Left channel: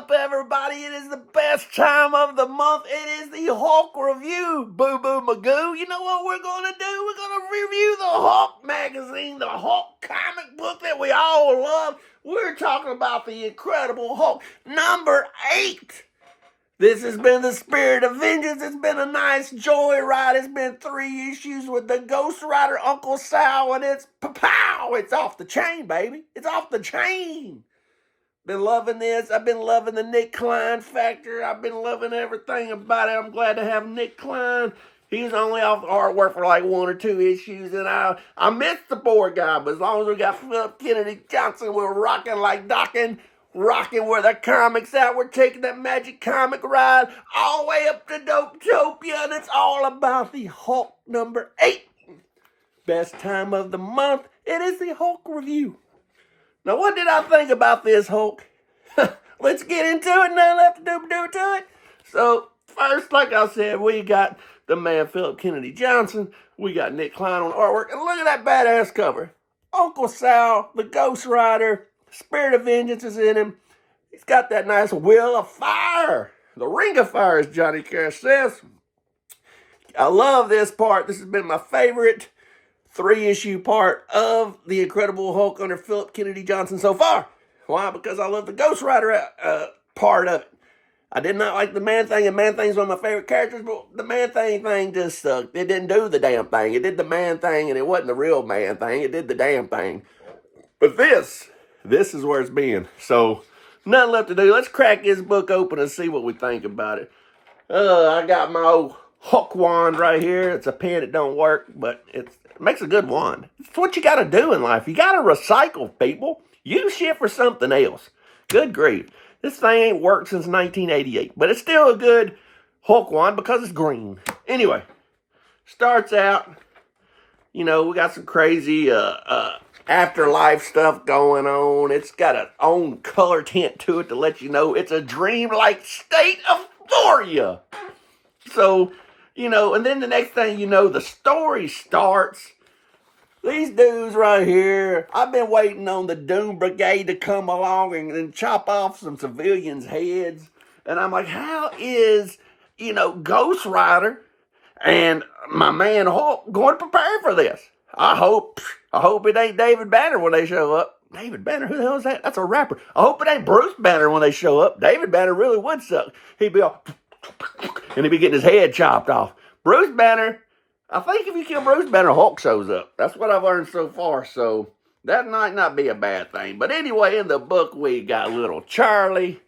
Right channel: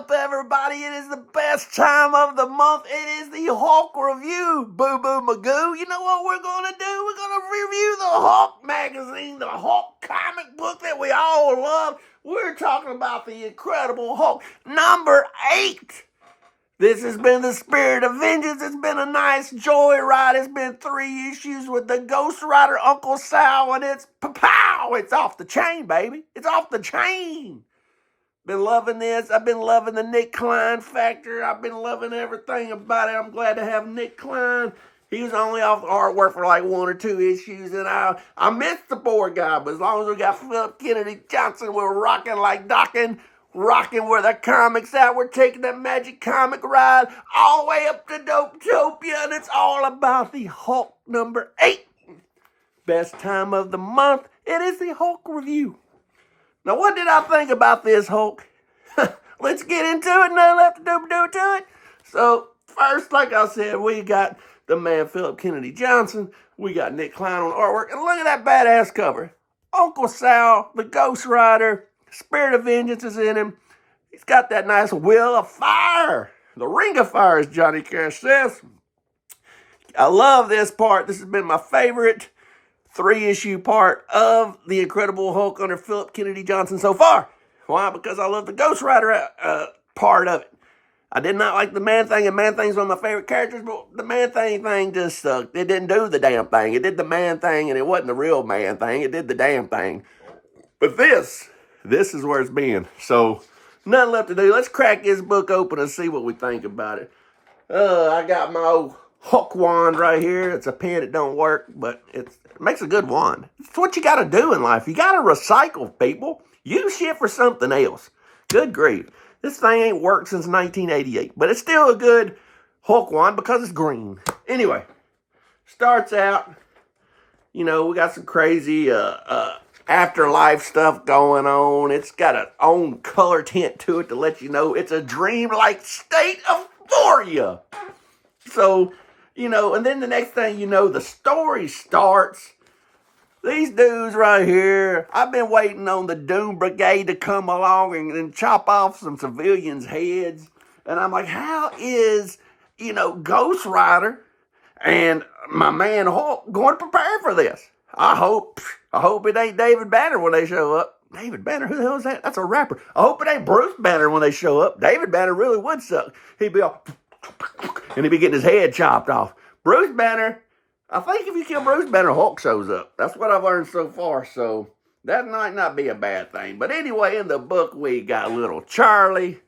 up, everybody? It is the best time of the month. It is the Hulk Review, Boo Boo Magoo. You know what we're going to do? We're going to review the Hulk magazine, the Hulk comic book that we all love. We're talking about the Incredible Hulk, number 8. This has been the Spirit of Vengeance. It's been a nice joyride. It's been 3 issues with the Ghost Rider, Uncle Sal, and it's pow! It's off the chain, baby. It's off the chain. Been loving this. I've been loving the Nick Klein factor. I've been loving everything about it. I'm glad to have Nick Klein. He was only off the artwork for like 1 or 2 issues, and I missed the poor guy, but as long as we got Philip Kennedy Johnson, we're rocking like docking. Rocking where the comics at. We're taking that magic comic ride all the way up to Dopetopia, and it's all about the Hulk number 8. Best time of the month. It is the Hulk Review. Now, what did I think about this Hulk? Let's get into it. Nothing left to do to it. So, first, like I said, we got the man Philip Kennedy Johnson. We got Nick Klein on artwork. And look at that badass cover. Uncle Sal, the Ghost Rider, Spirit of Vengeance is in him. He's got that nice Wheel of Fire. The Ring of Fire, as Johnny Cash says. I love this part. This has been my favorite 3-issue part of the Incredible Hulk under Philip Kennedy Johnson so far. Why? Because I love the Ghost Rider part of it. I did not like the Man-Thing, and Man-Thing's one of my favorite characters, but the Man-Thing thing just sucked. It didn't do the damn thing. It did the Man-Thing, and it wasn't the real Man-Thing. It did the damn thing. But this is where it's been. So, nothing left to do. Let's crack this book open and see what we think about it. I got my old Hulk wand right here. It's a pen that don't work, but it makes a good wand. It's what you got to do in life. You got to recycle, people. Use shit for something else. Good grief. This thing ain't worked since 1988, but it's still a good Hulk wand because it's green. Anyway, starts out, you know, we got some crazy afterlife stuff going on. It's got an own color tint to it to let you know it's a dreamlike state of euphoria. So, you know, and then the next thing you know, the story starts. These dudes right here, I've been waiting on the Doom Brigade to come along and chop off some civilians' heads. And I'm like, how is, you know, Ghost Rider and my man Hulk going to prepare for this? I hope it ain't David Banner when they show up. David Banner? Who the hell is that? That's a rapper. I hope it ain't Bruce Banner when they show up. David Banner really would suck. He'd be all, and he'd be getting his head chopped off. Bruce Banner, I think if you kill Bruce Banner, Hulk shows up. That's what I've learned so far, so that might not be a bad thing. But anyway, in the book, we got little Charlie.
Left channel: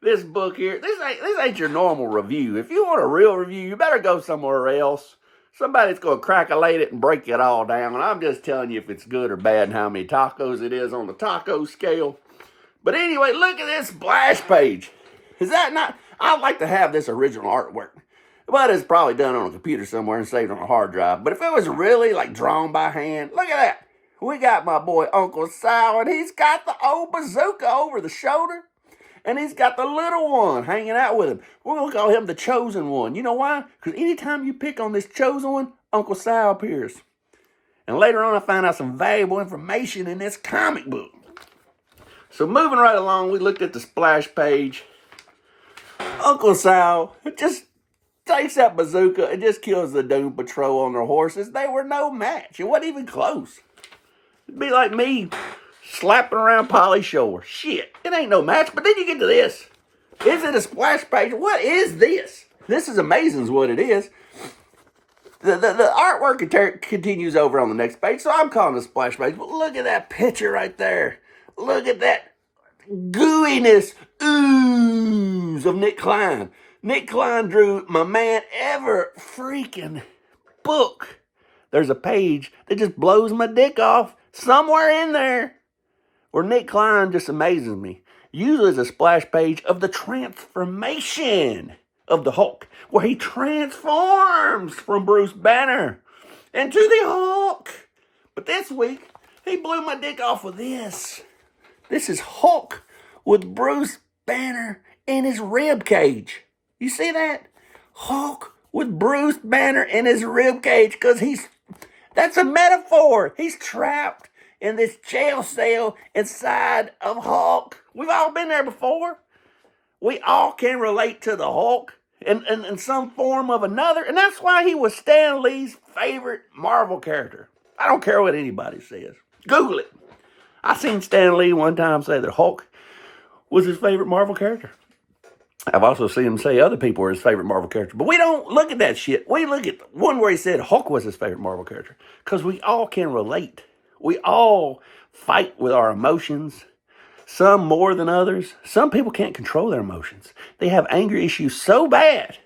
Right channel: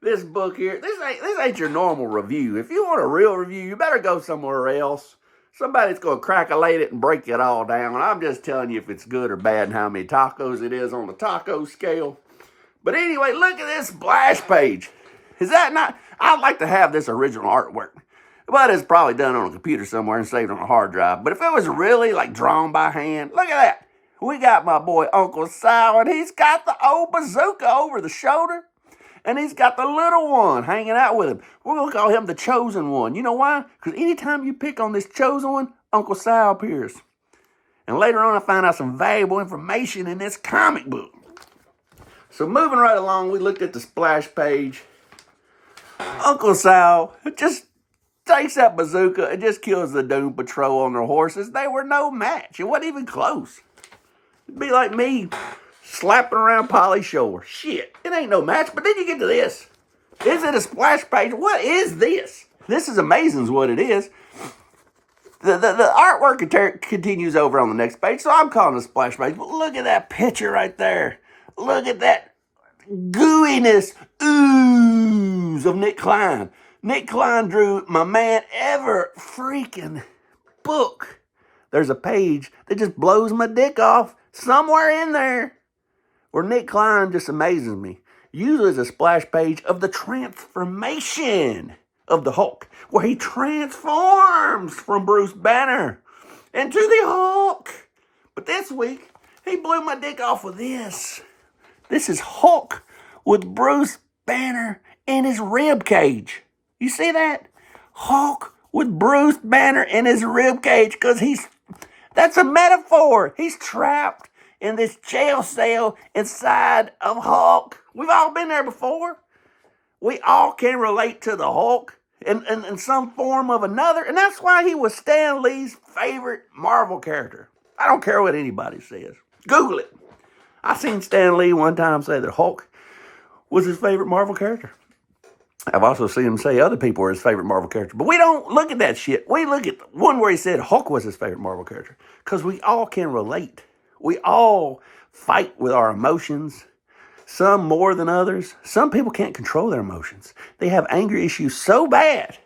This book here, this ain't your normal review. If you want a real review, you better go somewhere else. Somebody's going to crack-a-late it and break it all down. I'm just telling you if it's good or bad and how many tacos it is on the taco scale. But anyway, look at this splash page. Is that not? I'd like to have this original artwork. But it's probably done on a computer somewhere and saved on a hard drive. But if it was really like drawn by hand, look at that. We got my boy Uncle Sal, and he's got the old bazooka over the shoulder. And he's got the little one hanging out with him. We're going to call him the Chosen One. You know why? Because anytime you pick on this Chosen One, Uncle Sal appears. And later on, I found out some valuable information in this comic book. So moving right along, we looked at the splash page. Uncle Sal just takes that bazooka and just kills the Doom Patrol on their horses. They were no match. It wasn't even close. It'd be like me slapping around Polly Shore. Shit, it ain't no match. But then you get to this. Is it a splash page? What is this? This is amazing is what it is. The artwork continues over on the next page, so I'm calling it a splash page. But look at that picture right there. Look at that gooiness, ooze of Nick Klein. Nick Klein drew my man ever freaking book. There's a page that just blows my dick off somewhere in there where Nick Klein just amazes me. Usually it's a splash page of the transformation of the Hulk, where he transforms from Bruce Banner into the Hulk. But this week, he blew my dick off with this. This is Hulk with Bruce Banner in his rib cage. You see that? Hulk with Bruce Banner in his rib cage, because that's a metaphor. He's trapped in this jail cell inside of Hulk. We've all been there before. We all can relate to the Hulk in some form of another, and that's why he was Stan Lee's favorite Marvel character. I don't care what anybody says. Google it. I seen Stan Lee one time say that Hulk was his favorite Marvel character. I've also seen him say other people were his favorite Marvel character. But we don't look at that shit. We look at one where he said Hulk was his favorite Marvel character. Because we all can relate. We all fight with our emotions. Some more than others. Some people can't control their emotions. They have anger issues so bad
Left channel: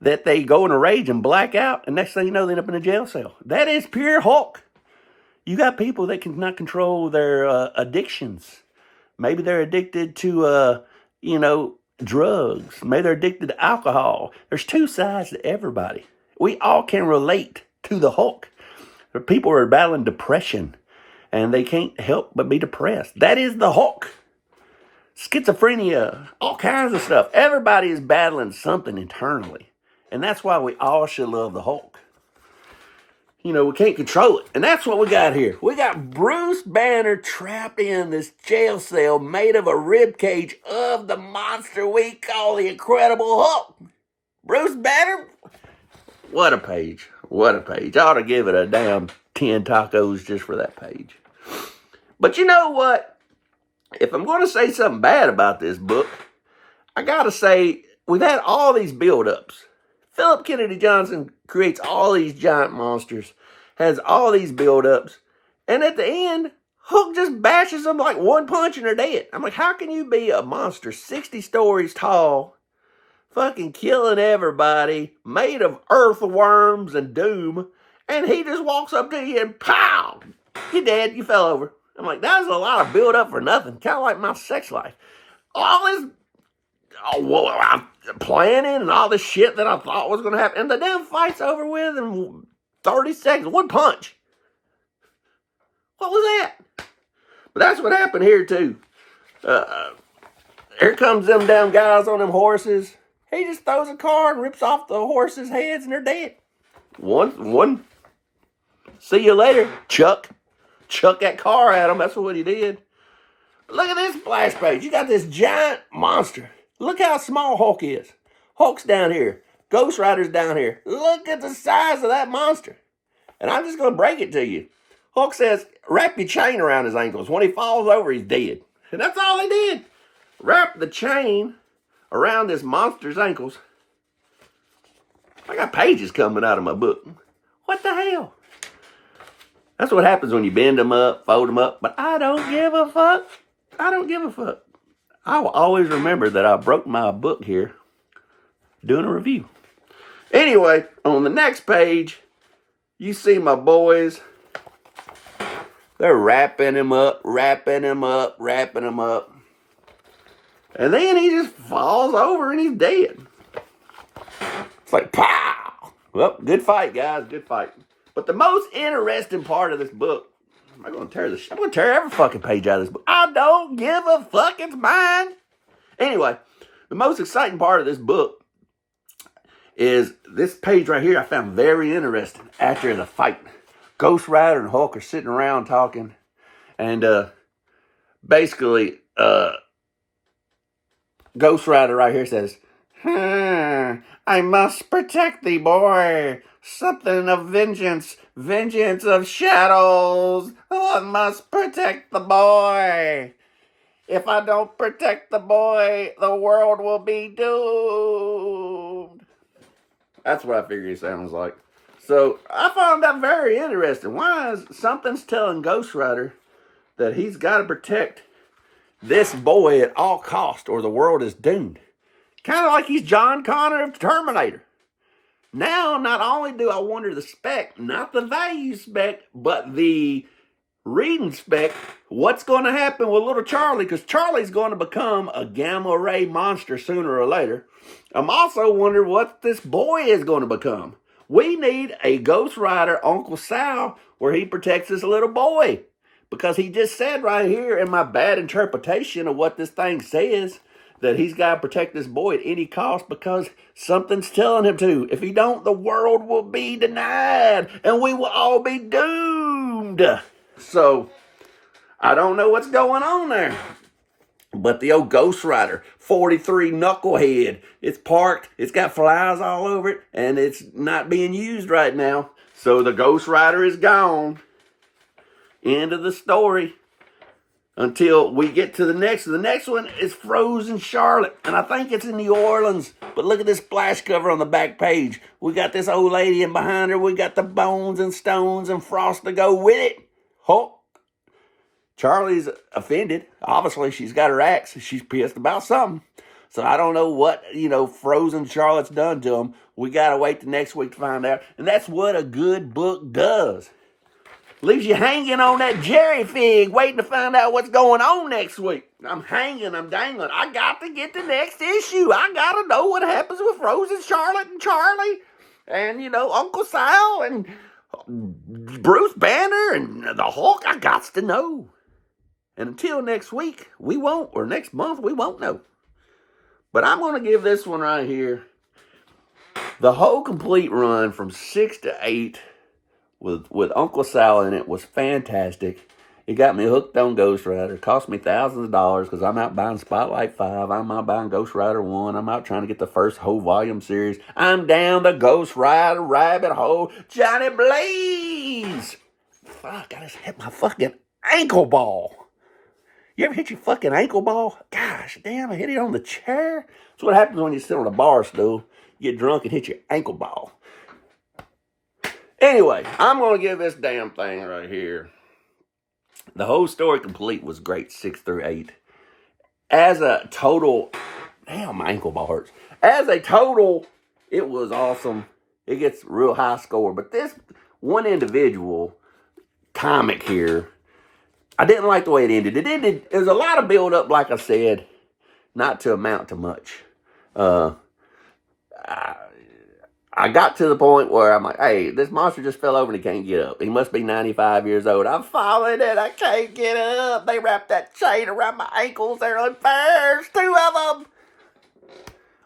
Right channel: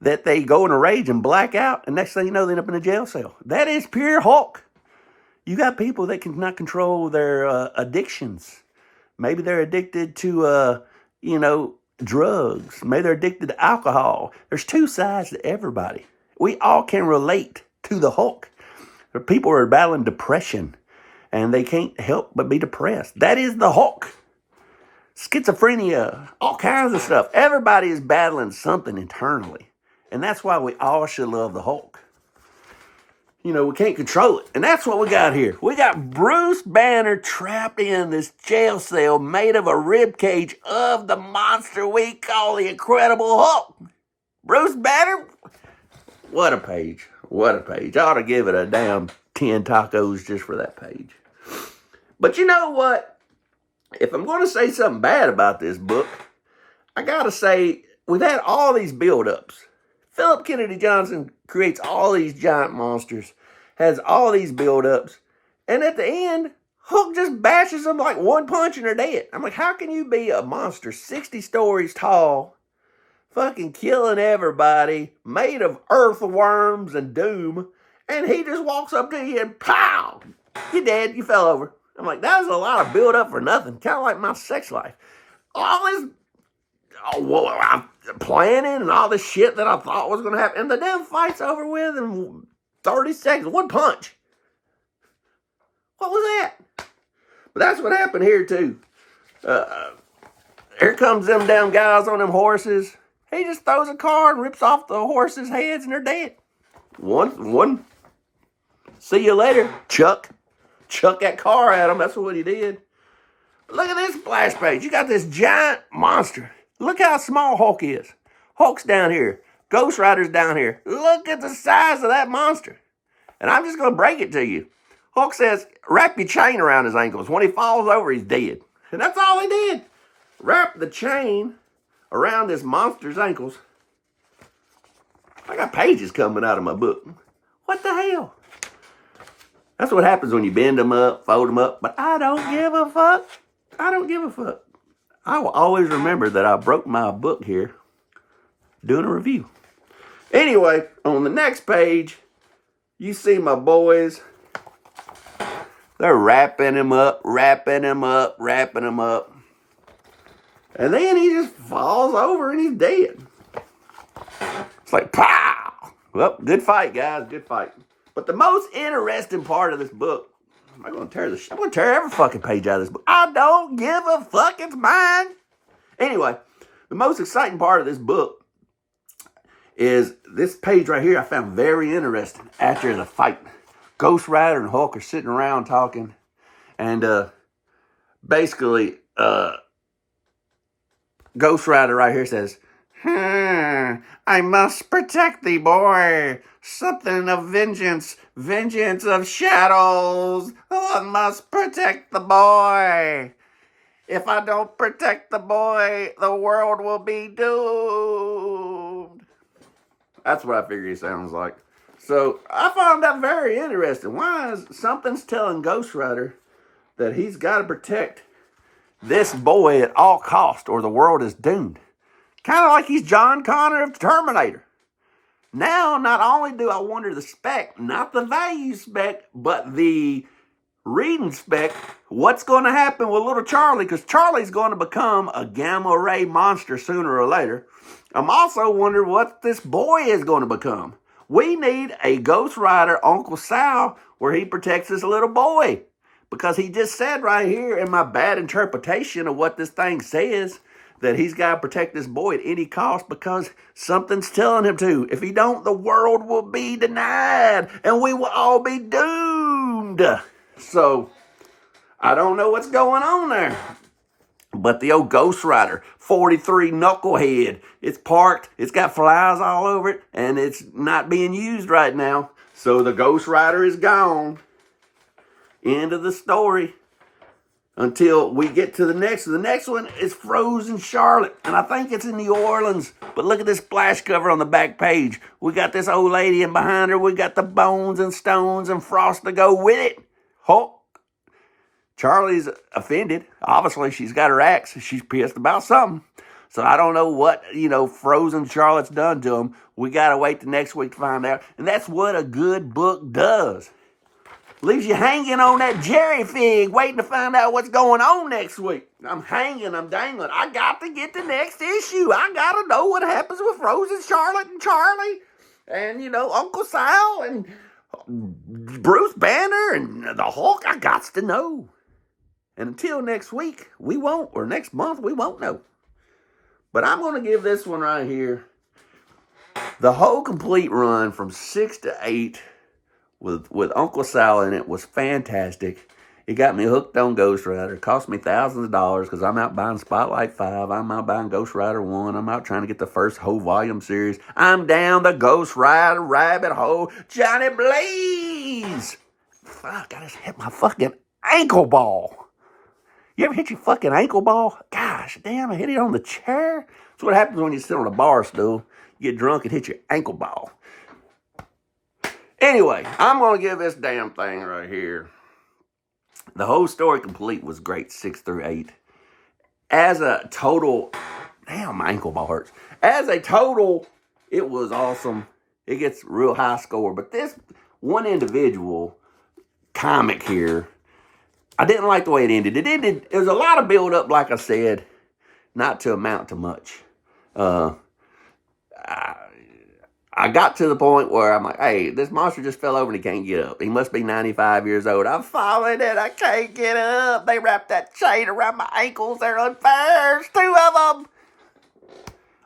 that they go in a rage and black out. And next thing you know, they end up in a jail cell. That is pure Hulk. You got people that cannot control their addictions. Maybe they're addicted to, drugs. Maybe they're addicted to alcohol. There's two sides to everybody. We all can relate to the Hulk. There are people who are battling depression, and they can't help but be depressed. That is the Hulk. Schizophrenia, all kinds of stuff. Everybody is battling something internally, and that's why we all should love the Hulk. We can't control it. And that's what we got here. We got Bruce Banner trapped in this jail cell made of a rib cage of the monster we call the Incredible Hulk. Bruce Banner? What a page. What a page. I ought to give it a damn 10 tacos just for that page. But you know what? If I'm going to say something bad about this book, I got to say we've had all these build-ups. Philip Kennedy Johnson creates all these giant monsters, has all these build-ups, and at the end, Hulk just bashes them like one punch and they're dead. I'm like, how can you be a monster 60 stories tall, fucking killing everybody, made of earthworms and doom, and he just walks up to you and pow! You're dead, you fell over. I'm like, that was a lot of build-up for nothing. Kind of like my sex life. All this planning and all this shit that I thought was going to happen. And the damn fight's over with in 30 seconds. One punch. What was that? But that's what happened here, too. Here comes them damn guys on them horses. He just throws a car and rips off the horses' heads and they're dead. One. See you later, Chuck. Chuck that car at him. That's what he did. But look at this splash page. You got this giant monster. Look how small Hulk is. Hulk's down here. Ghost Rider's down here. Look at the size of that monster. And I'm just going to break it to you. Hulk says, wrap your chain around his ankles. When he falls over, he's dead. And that's all he did. Wrap the chain around this monster's ankles. I got pages coming out of my book. What the hell? That's what happens when you bend them up, fold them up. But I don't give a fuck. I don't give a fuck. I will always remember that I broke my book here doing a review. Anyway, on the next page, you see my boys. They're wrapping him up, wrapping him up, wrapping him up. And then he just falls over and he's dead. It's like, pow! Well, good fight, guys, good fight. But the most interesting part of this book, I'm going to tear every fucking page out of this book. I don't give a fuck, it's mine. Anyway, the most exciting part of this book is this page right here I found very interesting after the fight. Ghost Rider and Hulk are sitting around talking. And basically, Ghost Rider right here says, I must protect thee, boy. Something of vengeance of shadows. Oh, I must protect the boy. If I don't protect the boy, the world will be doomed. That's what I figure he sounds like. So I found that very interesting. Why is something's telling Ghost Rider that he's got to protect this boy at all cost or the world is doomed? Kind of like he's John Connor of Terminator. Now, not only do I wonder the spec, not the value spec, but the reading spec, what's going to happen with little Charlie, because Charlie's going to become a gamma ray monster sooner or later. I'm also wondering what this boy is going to become. We need a Ghost Rider Uncle Sal where he protects this little boy, because he just said right here in my bad interpretation of what this thing says, that he's got to protect this boy at any cost because something's telling him to. If he don't, the world will be denied and we will all be doomed. So, I don't know what's going on there. But the old Ghost Rider 43 Knucklehead, it's parked, it's got flies all over it, and it's not being used right now. So the Ghost Rider is gone. End of the story. Until we get to the next one. The next one is Frozen Charlotte, and I think it's in New Orleans. But look at this splash cover on the back page. We got this old lady, and behind her we got the bones and stones and frost to go with it. Hulk. Charlie's offended. Obviously, she's got her axe. She's pissed about something. So I don't know what, Frozen Charlotte's done to them. We got to wait the next week to find out. And that's what a good book does. Leaves you hanging on that jerry fig, waiting to find out what's going on next week. I'm hanging, I'm dangling. I got to get the next issue. I got to know what happens with Frozen Charlotte and Charlie and, Uncle Sal and Bruce Banner and the Hulk. I got to know. And until next week, or next month, we won't know. But I'm going to give this one right here. The whole complete run from 6 to 8 with Uncle Sal in it was fantastic. It got me hooked on Ghost Rider. It cost me thousands of dollars because I'm out buying Spotlight 5. I'm out buying Ghost Rider 1. I'm out trying to get the first whole volume series. I'm down the Ghost Rider rabbit hole. Johnny Blaze! Fuck, I just hit my fucking ankle ball. You ever hit your fucking ankle ball? Gosh, damn, I hit it on the chair. That's what happens when you sit on a bar stool. You get drunk and hit your ankle ball. Anyway, I'm going to give this damn thing right here. The whole story complete was great, 6 through 8. As a total, damn, my ankle ball hurts. As a total, it was awesome. It gets real high score. But this one individual comic here, I didn't like the way it ended. It was a lot of build up, like I said, not to amount to much. I got to the point where I'm like, hey, this monster just fell over and he can't get up. He must be 95 years old. I'm falling and I can't get up. They wrapped that chain around my ankles. They're unfair. There's 2 of them.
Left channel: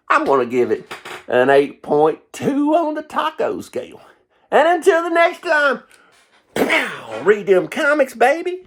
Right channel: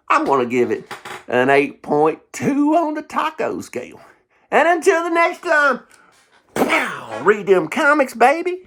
I'm going to give it an 8.2 on the taco scale. And until the next time, read them comics, baby.